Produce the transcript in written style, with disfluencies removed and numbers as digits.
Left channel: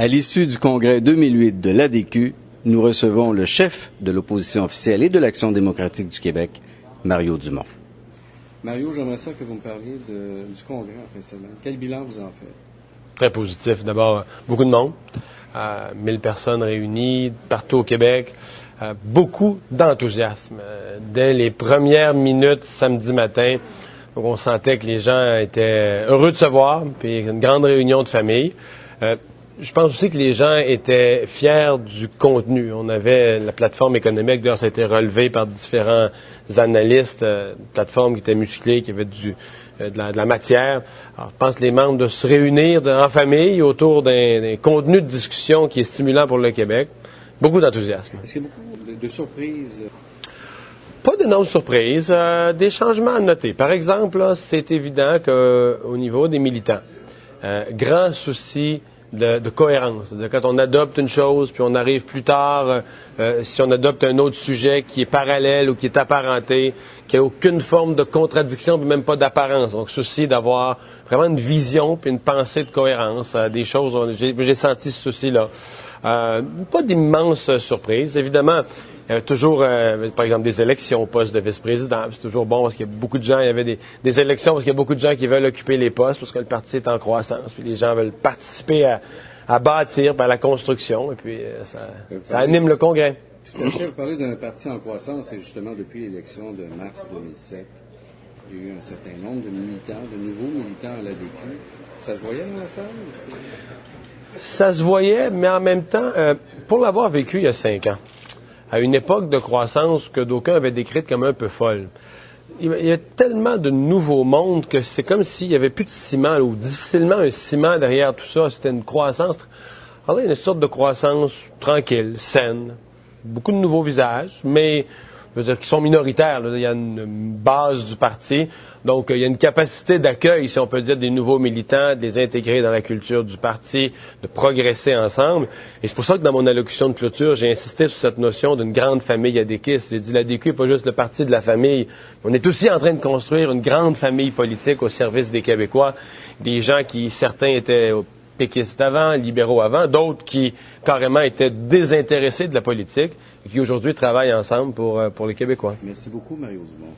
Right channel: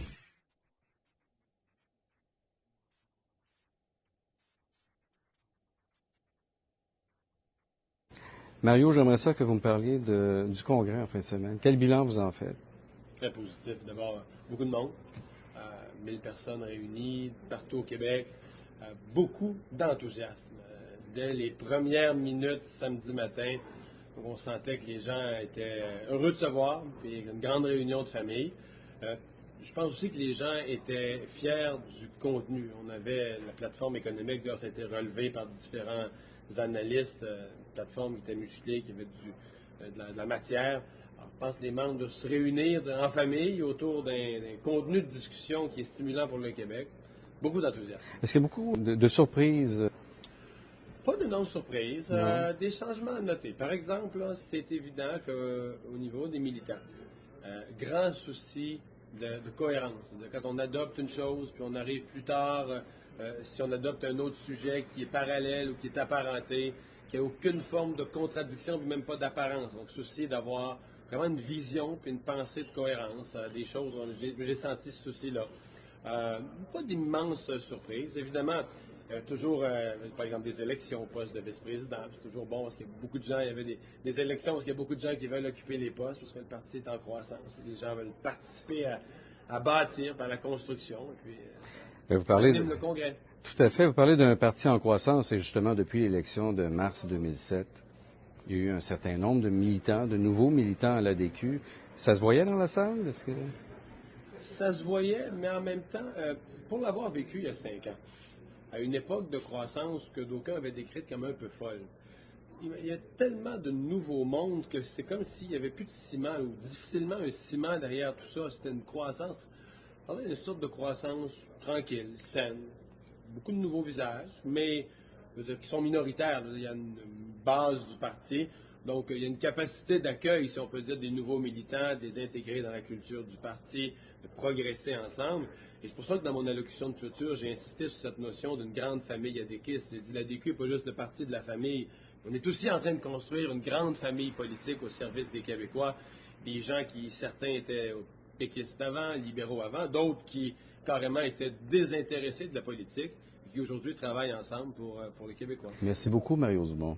À l'issue du congrès 2008 de l'ADQ, nous recevons le chef de l'opposition officielle et de l'Action démocratique du Québec, Mario Dumont. Mario, j'aimerais ça que vous me parliez du congrès en fin de semaine. Quel bilan vous en faites? Très positif. D'abord, beaucoup de monde. 1000 personnes réunies partout au Québec. Beaucoup d'enthousiasme. Dès les premières minutes samedi matin, donc on sentait que les gens étaient heureux de se voir, puis une grande réunion de famille. Je pense aussi que les gens étaient fiers du contenu. On avait la plateforme économique, d'ailleurs, ça a été relevé par différents analystes, une plateforme qui était musclée, qui avait de la matière. Alors, je pense que les membres de se réunir en famille autour d'un contenu de discussion qui est stimulant pour le Québec. Beaucoup d'enthousiasme. Est-ce qu'il y a beaucoup de surprises? Pas d'énormes surprises, des changements à noter. Par exemple, là, c'est évident qu'au niveau des militants, grand souci de cohérence. C'est-à-dire quand on adopte une chose, puis on arrive plus tard, si on adopte un autre sujet qui est parallèle ou qui est apparenté, qui n'a aucune forme de contradiction, puis même pas d'apparence. Donc, souci d'avoir vraiment une vision puis une pensée de cohérence. Des choses, j'ai senti ce souci-là. Pas d'immenses surprises. Évidemment, il y avait toujours, par exemple, des élections au poste de vice-président. C'est toujours bon parce qu'il y a beaucoup de gens, il y avait des élections parce qu'il y a beaucoup de gens qui veulent occuper les postes parce que le parti est en croissance. Puis les gens veulent participer à bâtir, à la construction. Et puis ça anime le Congrès. Tout à fait. Vous parlez d'un parti en croissance et justement, depuis l'élection de mars 2007, il y a eu un certain nombre de militants, de nouveaux militants à l'ADQ. Ça se voyait dans la salle? Ça se voyait, mais en même temps, pour l'avoir vécu il y a 5 ans, à une époque de croissance que d'aucuns avaient décrite comme un peu folle. Il y a tellement de nouveaux mondes que c'est comme s'il n'y avait plus de ciment, ou difficilement un ciment derrière tout ça. C'était une croissance. Alors là, il y a une sorte de croissance tranquille, saine, beaucoup de nouveaux visages, mais je veux dire, qui sont minoritaires. Là. Il y a une base du parti. Donc, il y a une capacité d'accueil, si on peut dire, des nouveaux militants, de les intégrer dans la culture du parti, de progresser ensemble. Et c'est pour ça que dans mon allocution de clôture, j'ai insisté sur cette notion d'une grande famille adéquiste. J'ai dit, l'ADQ n'est pas juste le parti de la famille. On est aussi en train de construire une grande famille politique au service des Québécois. Des gens qui, certains étaient péquistes avant, libéraux avant, d'autres qui, carrément, étaient désintéressés de la politique et qui, aujourd'hui, travaillent ensemble pour les Québécois. Merci beaucoup, Mario Dumont.